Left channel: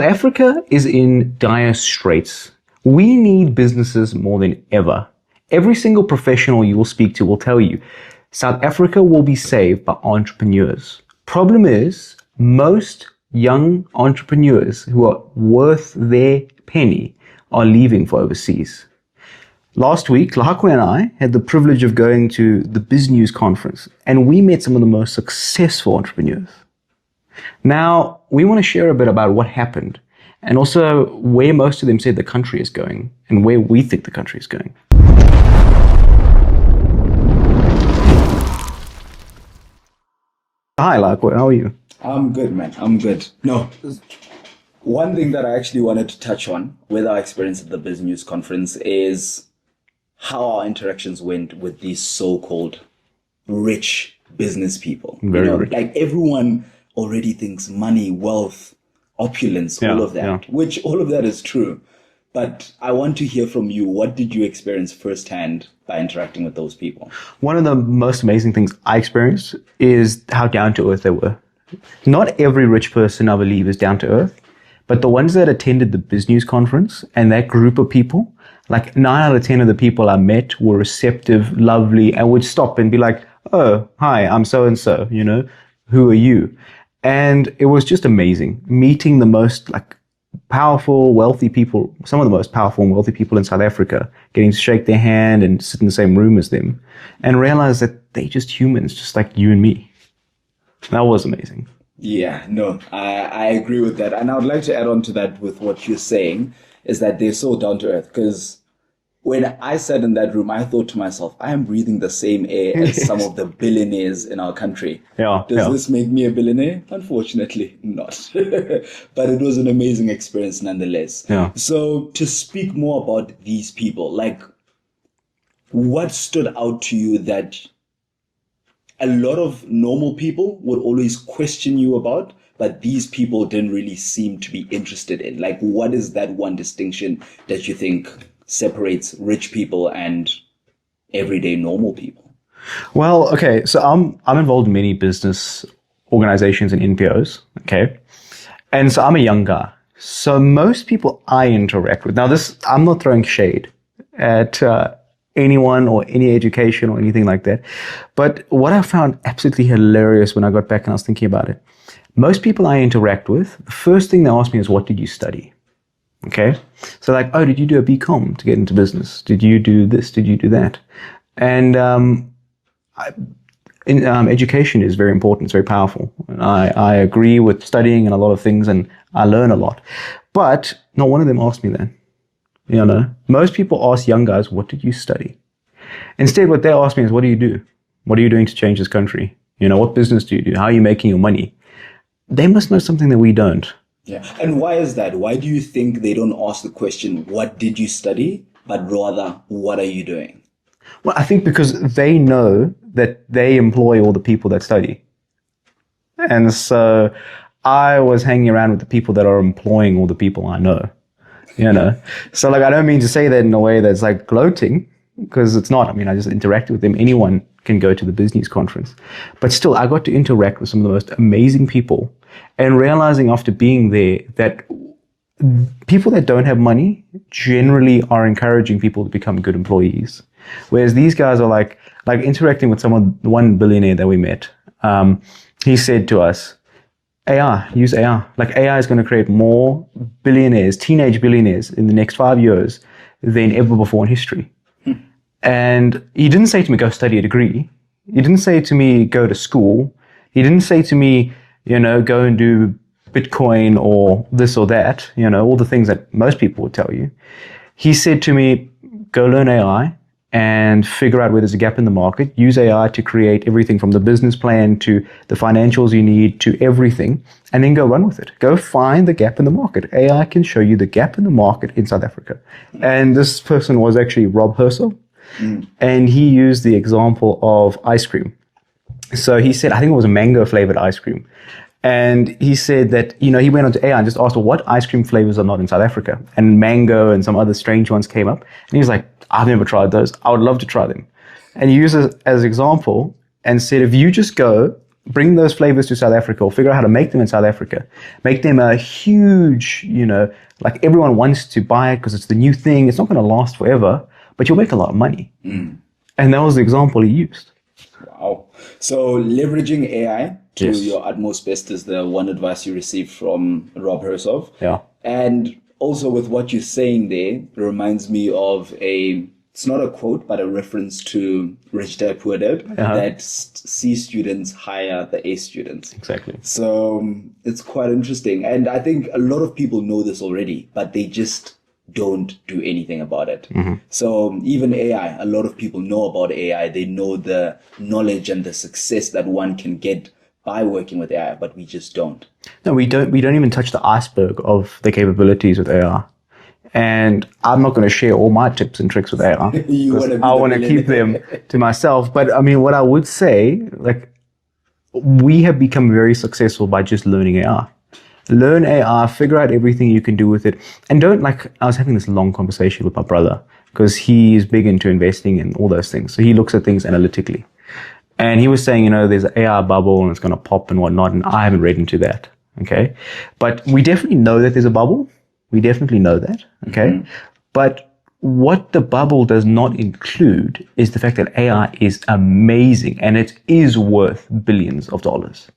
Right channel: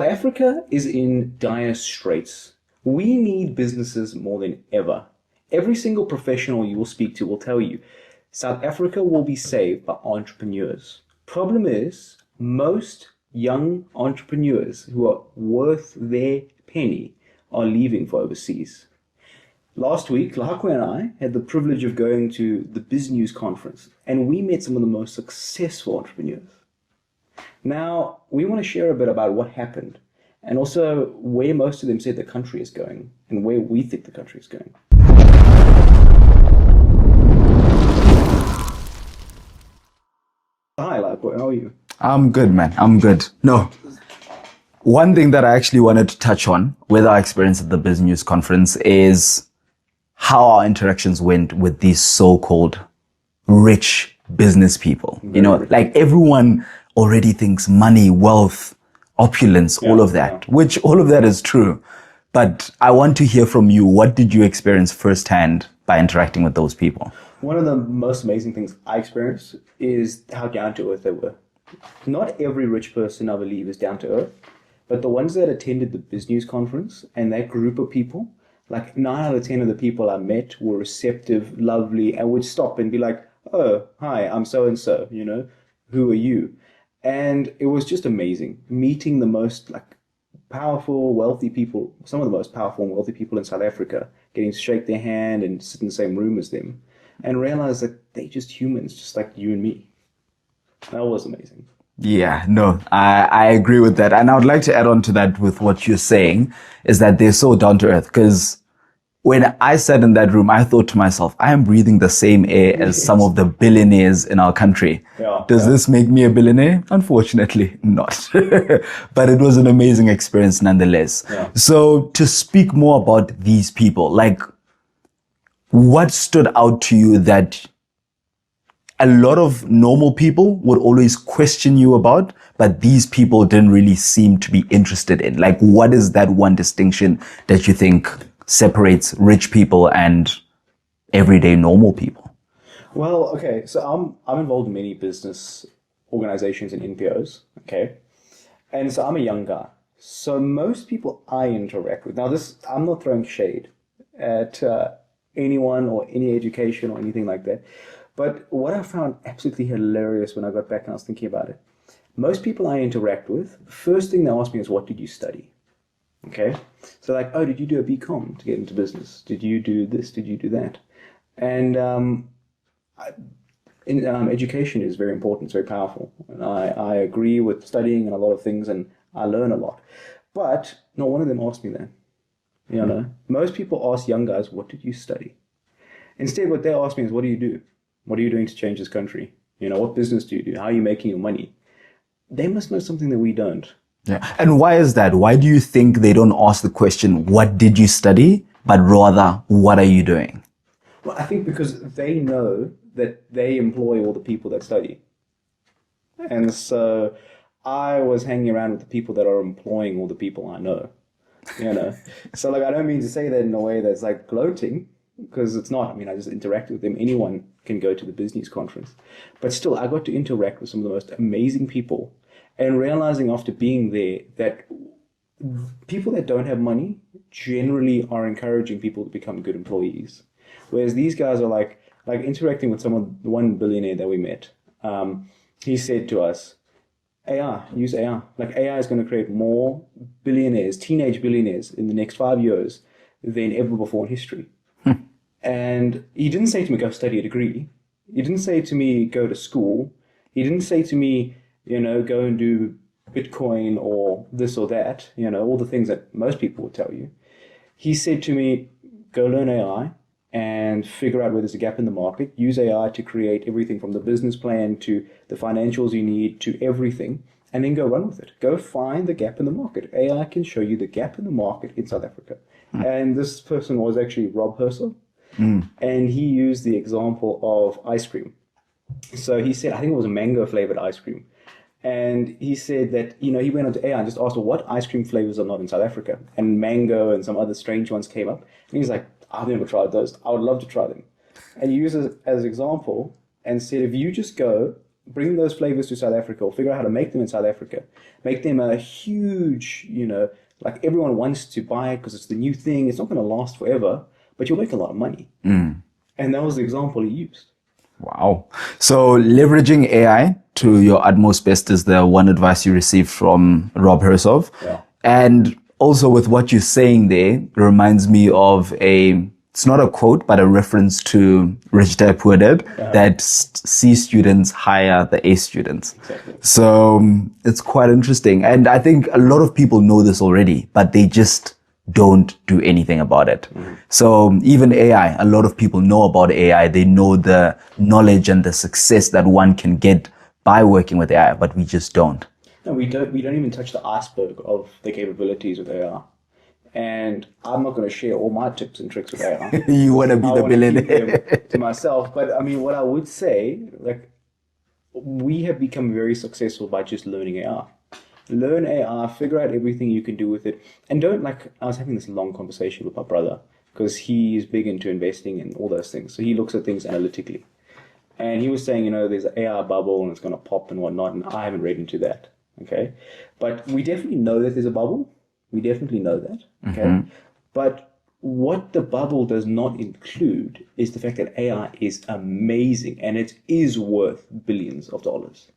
Africa is in dire straits. We need businesses more than ever. Every single professional you will speak to will tell you South Africa will be saved by entrepreneurs. Problem is, most young entrepreneurs who are worth their penny are leaving for overseas. Last week, Lahakwe and I had the privilege of going to the BizNews conference, and we met some of the most successful entrepreneurs. Now, we want to share a bit about what happened and also where most of them said the country is going and where we think the country is going. Hi, Lahakwe, how are you? I'm good, man. I'm good. No, one thing that I actually wanted to touch on with our experience at the BizNews conference is how our interactions went with these so-called rich business people. Very like everyone already thinks money, wealth, opulence, all of that, which all of that is true. But I want to hear from you. What did you experience firsthand by interacting with those people? One of the most amazing things I experienced is how down to earth they were. Not every rich person, I believe, is down to earth, but the ones that attended the BizNews conference and that group of people, like 9 out of 10 of the people I met were receptive, lovely, and would stop and be like, oh, hi, I'm so-and-so, who are you? And it was just amazing meeting the most powerful, wealthy people, some of the most powerful and wealthy people in South Africa, getting to shake their hand and sit in the same room as them and realize that they're just humans, just like you and me. That was amazing. Yeah, no, I agree with that. And I would like to add on to that with what you're saying is that they're so down to earth. Because when I sat in that room, I thought to myself, I am breathing the same air as some of the billionaires in our country. Does this make me a billionaire? Unfortunately, not. But it was an amazing experience nonetheless. Yeah. So to speak more about these people, what stood out to you that a lot of normal people would always question you about, but these people didn't really seem to be interested in? What is that one distinction that you think separates rich people and everyday normal people? Well, okay, so I'm involved in many business organizations and NPOs, okay? And so I'm a young guy. So most people I interact with, now I'm not throwing shade at anyone or any education or anything like that. But what I found absolutely hilarious when I got back and I was thinking about it, most people I interact with, the first thing they ask me is, what did you study? Okay. So oh, did you do a BCom to get into business? Did you do this? Did you do that? And education is very important. It's very powerful. And I agree with studying and a lot of things and I learn a lot. But not one of them asked me that. Most people ask young guys, what did you study? Instead, what they ask me is, what do you do? What are you doing to change this country? What business do you do? How are you making your money? They must know something that we don't. Yeah. And why is that? Why do you think they don't ask the question, what did you study? But rather, what are you doing? Well, I think because they know that they employ all the people that study. And so I was hanging around with the people that are employing all the people I know. So I don't mean to say that in a way that's gloating, because it's not. I mean, I just interacted with them. Anyone can go to the BizNews conference. But still, I got to interact with some of the most amazing people and realizing after being there that people that don't have money generally are encouraging people to become good employees. Whereas these guys are like interacting with one billionaire that we met. He said to us, AI, use AI. AI is going to create more billionaires, teenage billionaires in the next 5 years than ever before in history. And he didn't say to me, go study a degree. He didn't say to me, go to school. He didn't say to me, go and do Bitcoin or this or that, all the things that most people would tell you. He said to me, go learn AI and figure out where there's a gap in the market. Use AI to create everything from the business plan to the financials you need to everything, and then go run with it. Go find the gap in the market. AI can show you the gap in the market in South Africa. And this person was actually Rob Herschel, and he used the example of ice cream. So he said, I think it was a mango flavored ice cream. And he said that, he went onto AI and just asked, well, what ice cream flavors are not in South Africa? And mango and some other strange ones came up. And he was like, I've never tried those. I would love to try them. And he used it as an example and said, if you just go bring those flavors to South Africa, or figure out how to make them in South Africa. Make them a huge, like everyone wants to buy it because it's the new thing. It's not going to last forever, but you'll make a lot of money. And that was the example he used. Wow. So leveraging AI to Yes. your utmost best is the one advice you received from Rob Hersov. Yeah. And also with what you're saying there reminds me of it's not a quote, but a reference to Rich Dad Poor Dad, that C students hire the A students. Exactly. So it's quite interesting. And I think a lot of people know this already, but they just don't do anything about it. So even AI, a lot of people know about AI. They know the knowledge and the success that one can get by working with AI, but we just don't. No, we don't even touch the iceberg of the capabilities with AI. And I'm not going to share all my tips and tricks with AI. You want to be I the want to keep them to myself. But I mean, what I would say, like, we have become very successful by just learning AI. Learn AI, figure out everything you can do with it. And don't, like, I was having this long conversation with my brother because he is big into investing and all those things. So he looks at things analytically. And he was saying, there's an AI bubble and it's going to pop and whatnot. And I haven't read into that. Okay. But we definitely know that there's a bubble. We definitely know that. Okay. But what the bubble does not include is the fact that AI is amazing and it is worth billions of dollars.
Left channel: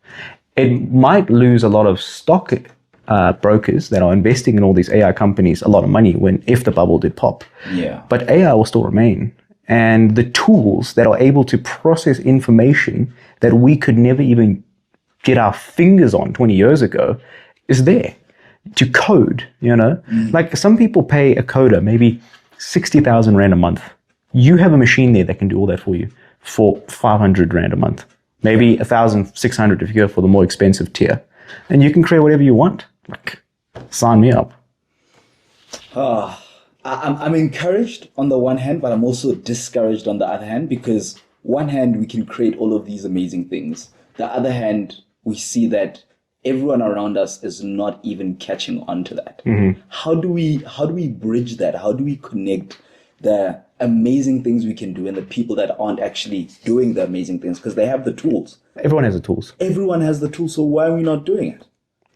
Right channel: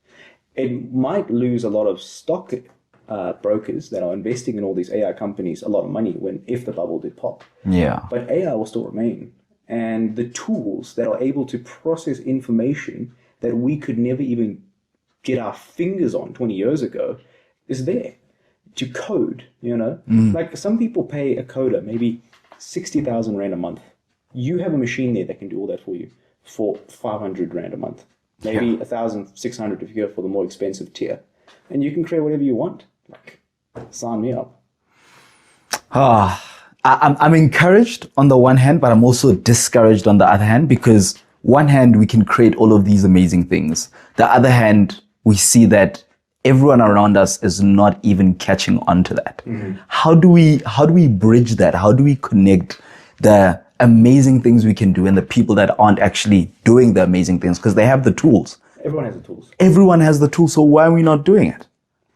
It might lose a lot of stock brokers that are investing in all these AI companies a lot of money if the bubble did pop. Yeah. But AI will still remain. And the tools that are able to process information that we could never even get our fingers on 20 years ago is there to code, Like some people pay a coder maybe 60,000 Rand a month. You have a machine there that can do all that for you for 500 Rand a month. Maybe 1,600 if you go for the more expensive tier. And you can create whatever you want. Like, sign me up. I'm encouraged on the one hand, but I'm also discouraged on the other hand, because one hand, we can create all of these amazing things. The other hand, we see that everyone around us is not even catching on to that. How do we bridge that? How do we connect the amazing things we can do and the people that aren't actually doing the amazing things? Because they have the tools. Everyone has the tools. Everyone has the tools. So why are we not doing it?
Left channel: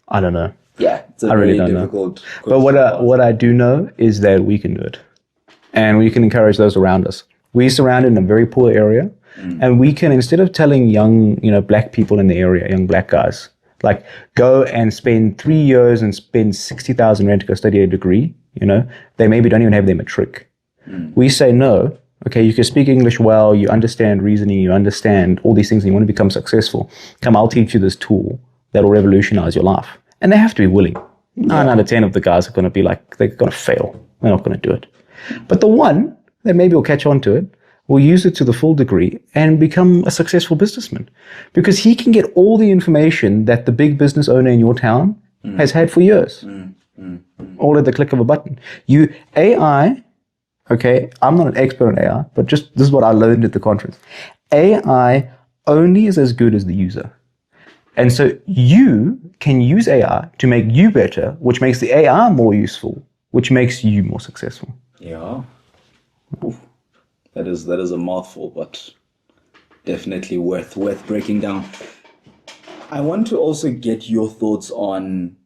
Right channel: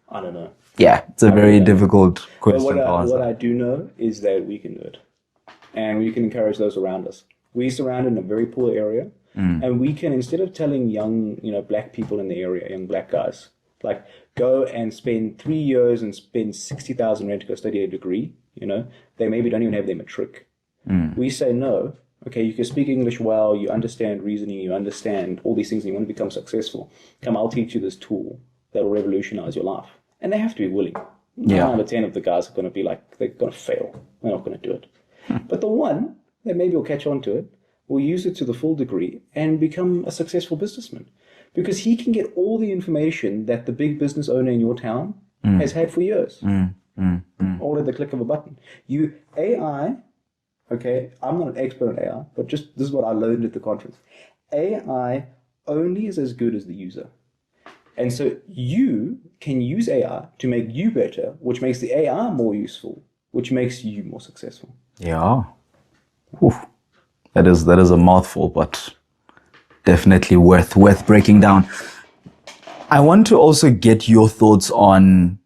I don't know. Yeah, it's a very difficult question. But what I do know is that we can do it. And we can encourage those around us. We're surrounded in a very poor area. And we can, instead of telling young, black people in the area, young black guys, like, go and spend 3 years and spend 60,000 Rand to go study a degree, they maybe don't even have their matric. We say, no, okay, you can speak English well, you understand reasoning, you understand all these things, and you want to become successful. Come, I'll teach you this tool that will revolutionize your life. And they have to be willing. 9 out of 10 of the guys are going to be like, they're going to fail. They're not going to do it. But the one that maybe will catch on to it, will use it to the full degree and become a successful businessman. Because he can get all the information that the big business owner in your town has had for years. All at the click of a button. AI, okay, I'm not an expert on AI, but this is what I learned at the conference. AI only is as good as the user. And so you can use AI to make you better, which makes the AI more useful, which makes you more successful. Yeah. Oof. That is a mouthful, but definitely worth breaking down. I want to also get your thoughts on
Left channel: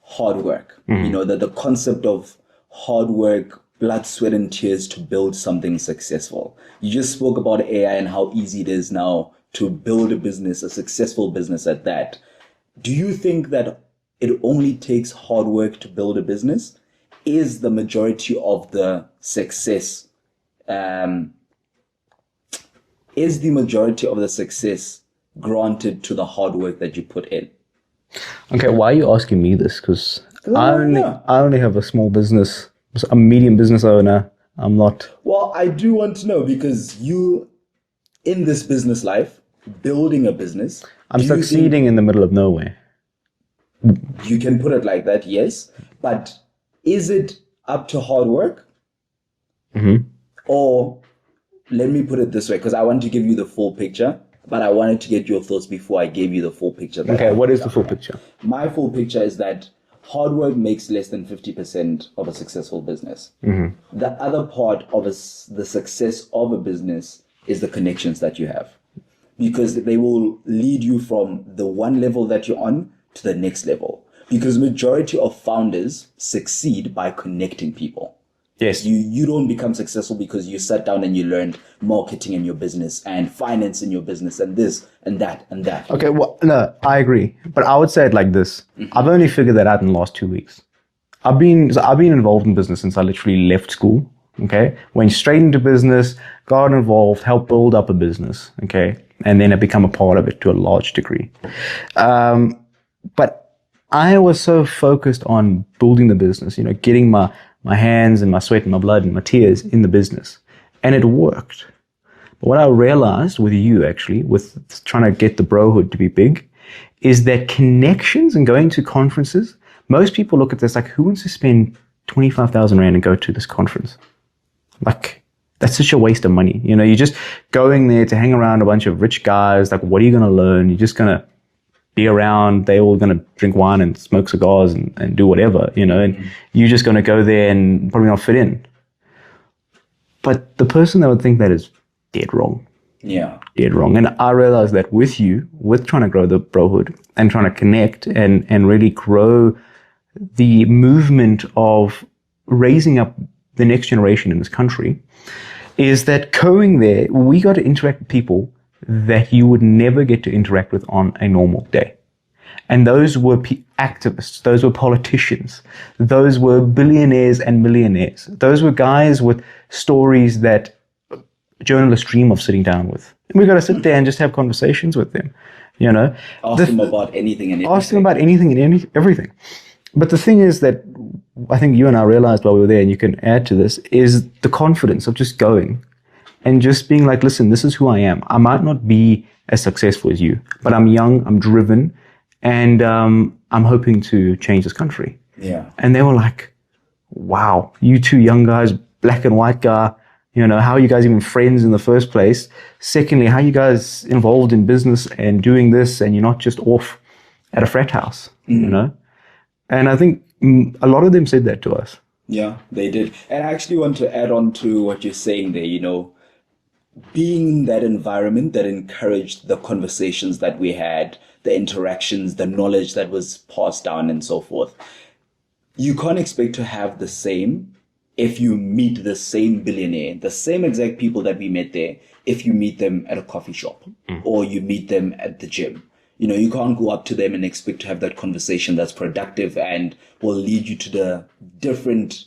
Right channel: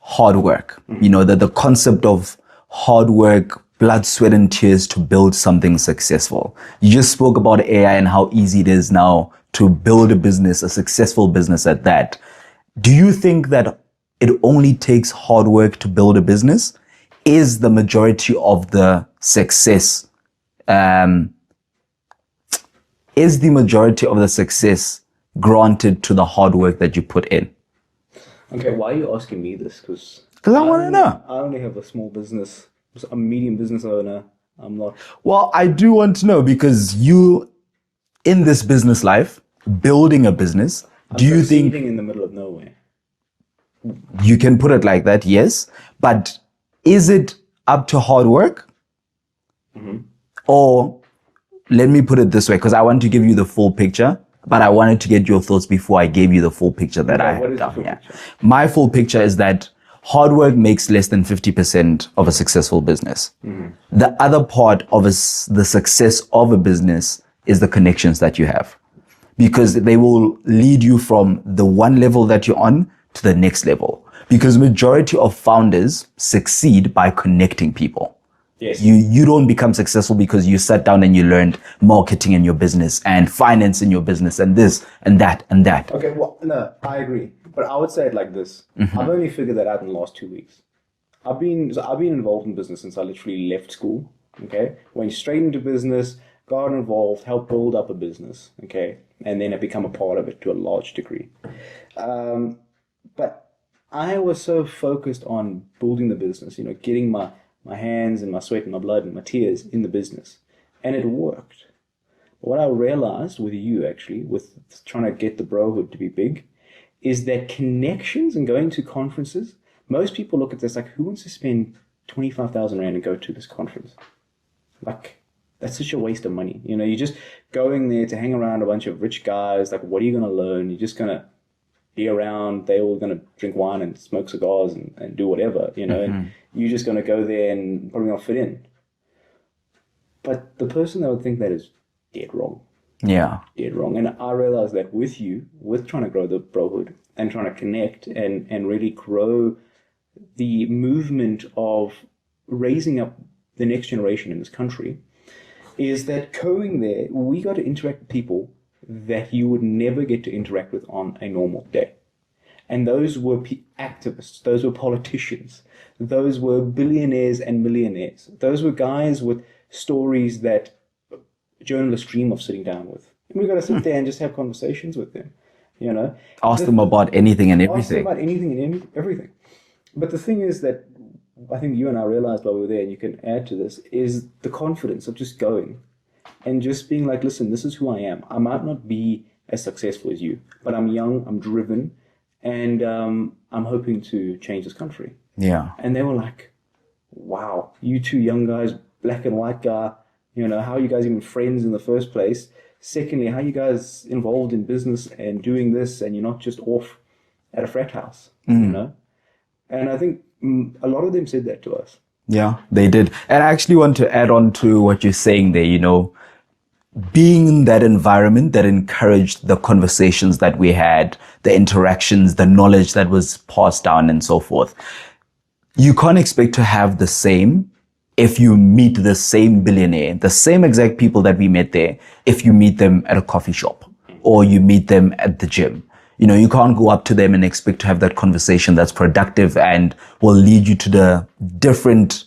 hard work. The concept of hard work, blood, sweat, and tears to build something successful. You just spoke about AI and how easy it is now to build a business, a successful business at that. Do you think that it only takes hard work to build a business? Is the majority of the success granted to the hard work that you put in? Okay, why are you asking me this? Because I only have a small business, a medium business owner. I'm not. Well, I do want to know, because you, in this business life, building a business, I'm succeeding in the middle of nowhere. You can put it like that, yes. But is it up to hard work? Or let me put it this way, because I want to give you the full picture, but I wanted to get your thoughts before I gave you the full picture. What is the full picture? My full picture is that hard work makes less than 50% of a successful business. The other part of the success of a business is the connections that you have. because they will lead you from the one level that you're on to the next level. Because majority of founders succeed by connecting people. Yes. You don't become successful because you sat down and you learned marketing in your business and finance in your business and this and that and that. Okay, well, no, I agree. But I would say it like this. I've only figured that out in the last 2 weeks. I've been involved in business since I literally left school. Okay. Went straight into business, got involved, helped build up a business. Okay. And then I become a part of it to a large degree. But I was so focused on building the business, getting my hands and my sweat and my blood and my tears in the business. And it worked. But what I realized with you actually, with trying to get the Brohood to be big, is that connections and going to conferences, most people look at this like, who wants to spend 25,000 Rand and go to this conference? Like, that's such a waste of money. You're just going there to hang around a bunch of rich guys. Like, what are you going to learn? You're just going to be around, they're all going to drink wine and smoke cigars and do whatever, and you're just going to go there and probably not fit in. But the person that would think that is dead wrong. Yeah. Dead wrong. And I realized that with you, with trying to grow the Brohood and trying to connect and really grow the movement of raising up the next generation in this country, is that going there, we got to interact with people that you would never get to interact with on a normal day. And those were activists, those were politicians, those were billionaires and millionaires. Those were guys with stories that journalists dream of sitting down with. And we got to sit there and just have conversations with them, Ask them about anything and everything. Ask them about anything and everything. But the thing is that I think you and I realized while we were there, and you can add to this, is the confidence of just going and just being like, listen, this is who I am. I might not be as successful as you, but I'm young, I'm driven, and I'm hoping to change this country. Yeah. And they were like, wow, you two young guys, black and white guy, how are you guys even friends in the first place? Secondly, how are you guys involved in business and doing this and you're not just off at a frat house, And I think a lot of them said that to us. Yeah, they did. And I actually want to add on to what you're saying there, being in that environment that encouraged the conversations that we had, the interactions, the knowledge that was passed down and so forth. You can't expect to have the same if you meet the same billionaire, the same exact people that we met there, if you meet them at a coffee shop or you meet them at the gym. You can't go up to them and expect to have that conversation that's productive and will lead you to the different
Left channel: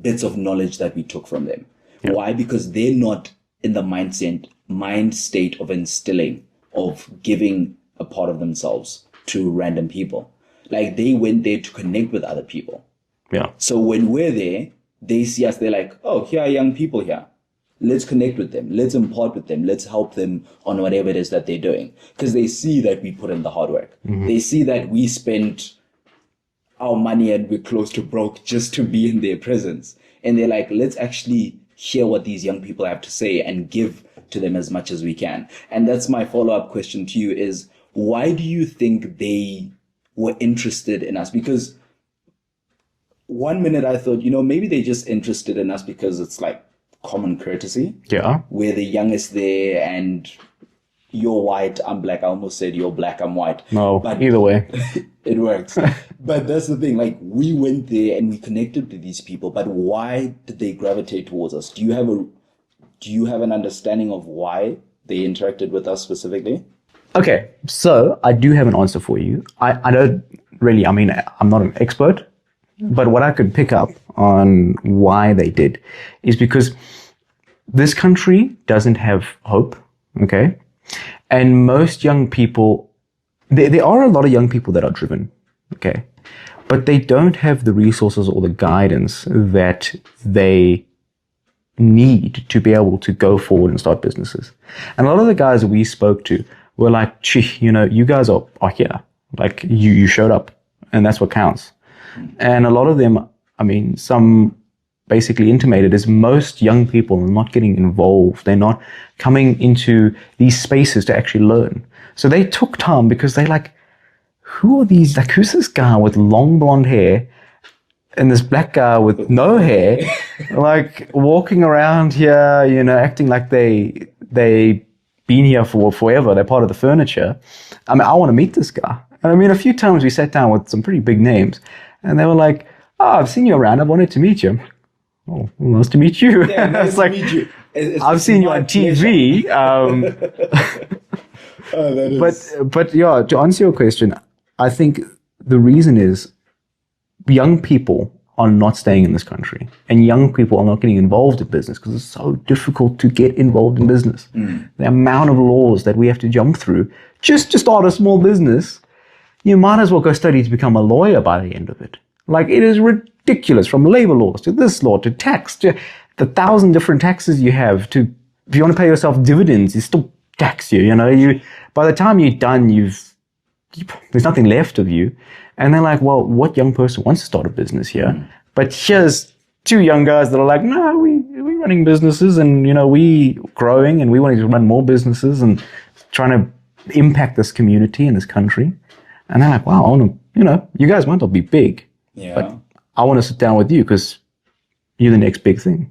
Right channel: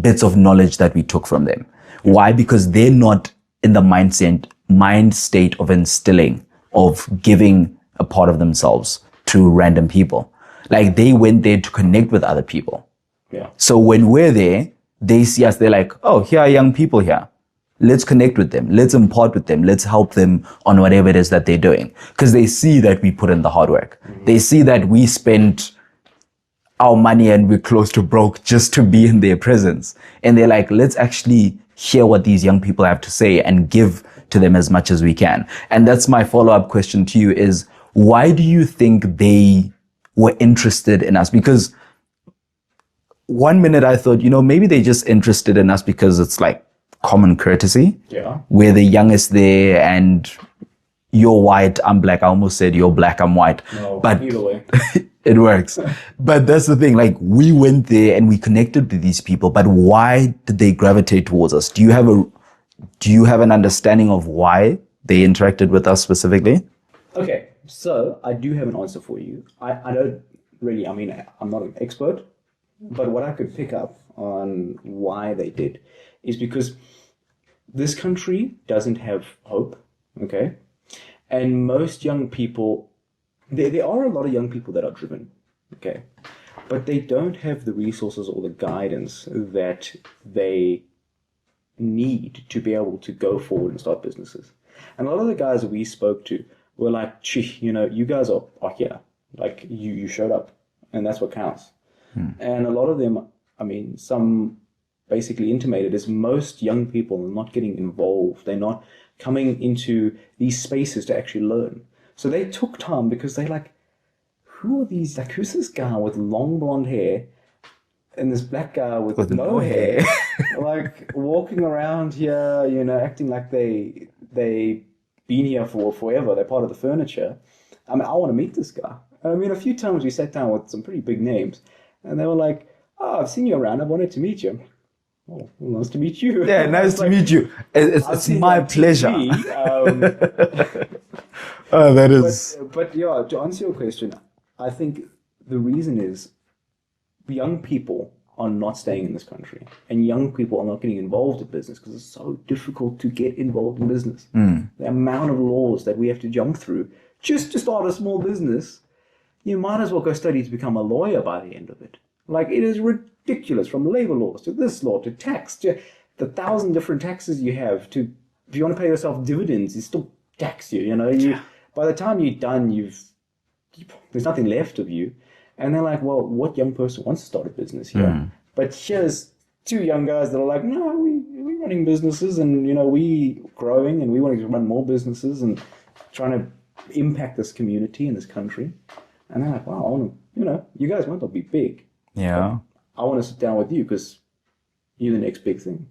bits of knowledge that we took from them. Yeah. Why? Because they're not in the mind state of instilling, of giving a part of themselves to random people. Like, they went there to connect with other people. Yeah. So when we're there, they see us, they're like, oh, here are young people here. Let's connect with them. Let's impart with them. Let's help them on whatever it is that they're doing. Because they see that we put in the hard work. Mm-hmm. They see that we spent our money and we're close to broke just to be in their presence. And they're like, let's actually hear what these young people have to say and give to them as much as we can. And that's my follow-up question to you is, why do you think they were interested in us? Because one minute I thought, maybe they're just interested in us because it's like common courtesy. Yeah. We're the youngest there and you're white, I'm black. I almost said you're black, I'm white. No, but either way. It works. But that's the thing. Like, we went there and we connected with these people, but why did they gravitate towards us? Do you have an understanding of why they interacted with us specifically? Okay, so I do have an answer for you. I don't really, I'm not an expert, but what I could pick up on why they did is because this country doesn't have hope, okay? And most young people, there are a lot of young people that are driven, okay? But they don't have the resources or the guidance that they need to be able to go forward and start businesses. And a lot of the guys we spoke to were like, gee, you guys are here. Like, you showed up and that's what counts. And a lot of them, some basically intimated is most young people are not getting involved. They're not coming into these spaces to actually learn. So they took time because they're like, who are these? Like, who's this guy with long blonde hair and this black guy with no hair, like walking around here, acting like they been here for forever. They're part of the furniture. I mean, I want to meet this guy. And I mean, a few times we sat down with some pretty big names, and they were like, "Oh, I've seen you around. I wanted to meet you." Oh, well, nice to meet you. Yeah, nice to meet you. I've seen you on TV. Oh, that is. But yeah, to answer your question, I think the reason is young people are not staying in this country, and young people are not getting involved in business because it's so difficult to get involved in business. The amount of laws that we have to jump through just to start a small business, you might as well go study to become a lawyer by the end of it. Like, it is ridiculous, from labor laws to this law to tax to the 1,000 different taxes you have. To if you want to pay yourself dividends, you still tax you. You know, by the time you're done, there's nothing left of you. And they're like, well, what young person wants to start a business here? But here's two young guys that are like, no, we're running businesses, and we growing, and we want to run more businesses and trying to impact this community and this country. And they're like, wow, I want to, you guys might not be big. Yeah. But I want to sit down with you because you're the next big thing.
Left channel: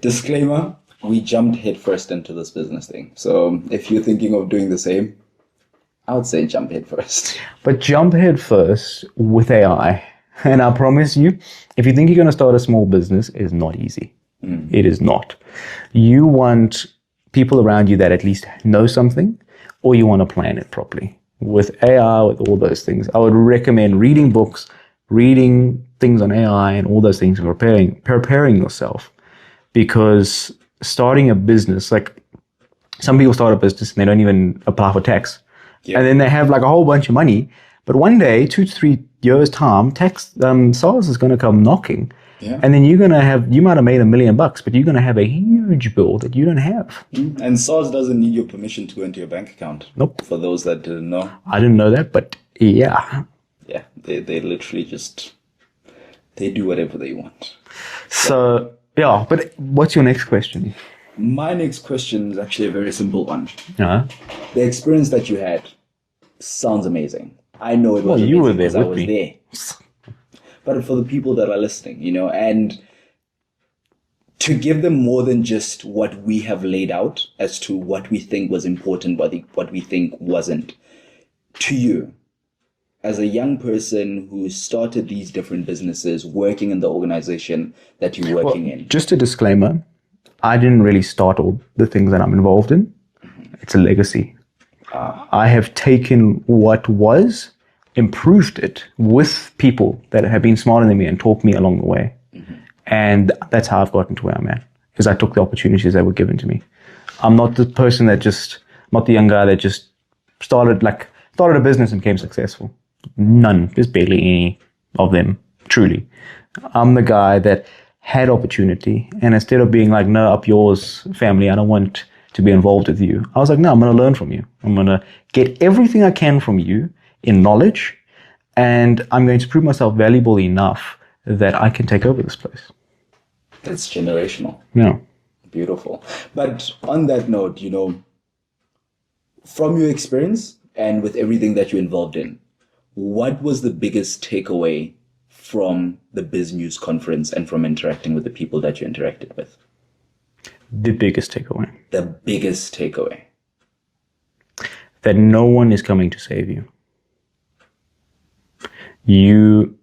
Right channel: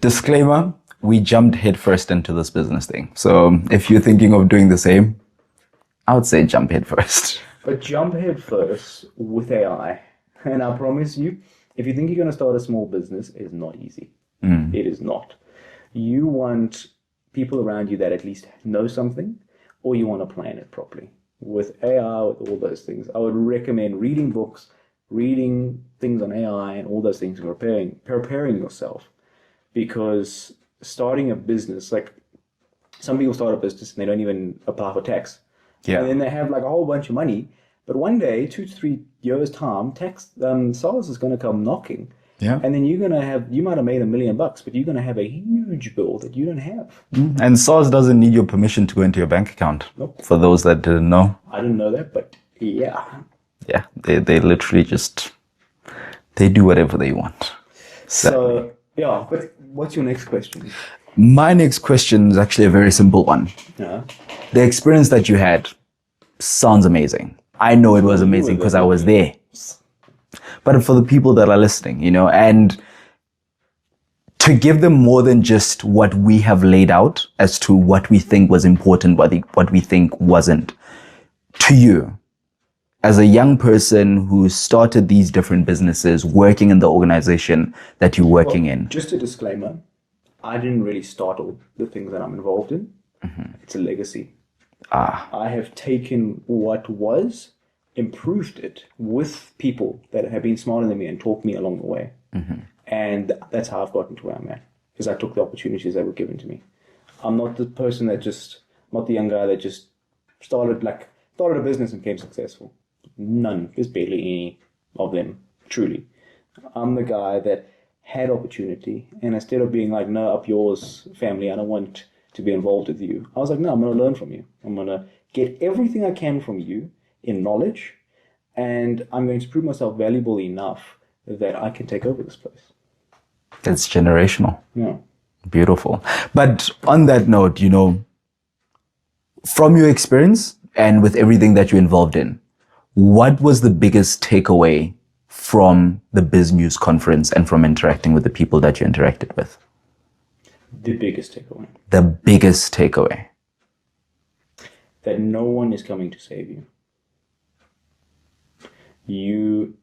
Disclaimer, we jumped headfirst into this business thing. So if you're thinking of doing the same, I would say jump headfirst. But jump headfirst with AI. And I promise you, if you think you're going to start a small business, it is not easy. It is not. You want people around you that at least know something, or you want to plan it properly. With AI, with all those things, I would recommend reading books, reading things on AI and all those things, and preparing yourself. Because starting a business, like some people start a business and they don't even apply for tax. Yeah. And then they have like a whole bunch of money. But one day, 2 to 3 years time, SARS is going to come knocking. Yeah. And then you might have made $1 million, but you're going to have a huge bill that you don't have. And SARS doesn't need your permission to go into your bank account. Nope. For those that didn't know. I didn't know that, but yeah. Yeah, they literally they do whatever they want. So, yeah, but what's your next question? My next question is actually a very simple one. Uh-huh. The experience that you had sounds amazing. I know it was amazing because I was there. But for the people that are listening, and to give them more than just what we have laid out as to what we think was important, what we think wasn't, to you, as a young person who started these different businesses, working in the organization that you're working in. Just a disclaimer, I didn't really start all the things that I'm involved in. It's a legacy. I have taken what was, improved it with people that have been smarter than me and taught me along the way. And that's how I've gotten to where I'm at, because I took the opportunities that were given to me. I'm not the person not the young guy that just started a business and became successful. None. There's barely any of them, truly. I'm the guy that had opportunity, and instead of being like, no, up yours, family, I don't want to be involved with you, I was like, no, I'm going to learn from you. I'm going to get everything I can from you in knowledge, and I'm going to prove myself valuable enough that I can take over this place. It's generational. Yeah. Beautiful. But on that note, from your experience and with everything that you're involved in, what was the biggest takeaway from the BizNews conference and from interacting with the people that you interacted with? The biggest takeaway. The biggest takeaway. That no one is coming to save you. You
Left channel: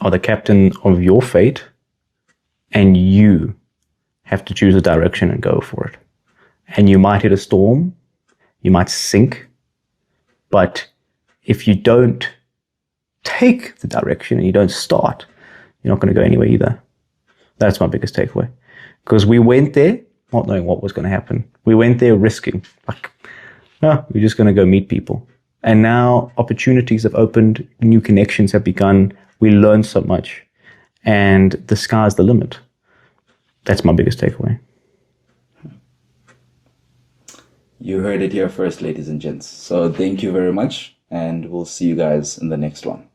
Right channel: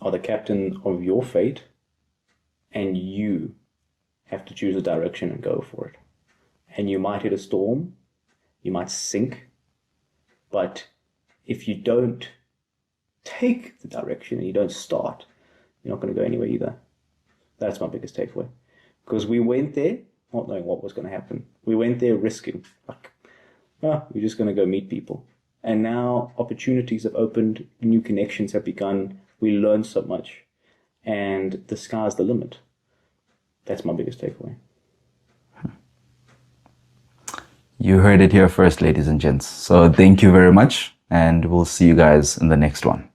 are the captain of your fate, and you have to choose a direction and go for it. And you might hit a storm, you might sink, but if you don't take the direction and you don't start, you're not going to go anywhere either. That's my biggest takeaway. Because we went there not knowing what was going to happen. We went there risking. No, we're just going to go meet people. And now opportunities have opened, new connections have begun, we learned so much, and the sky's the limit. That's my biggest takeaway. You heard it here first, ladies and gents. So thank you very much, and we'll see you guys in the next one.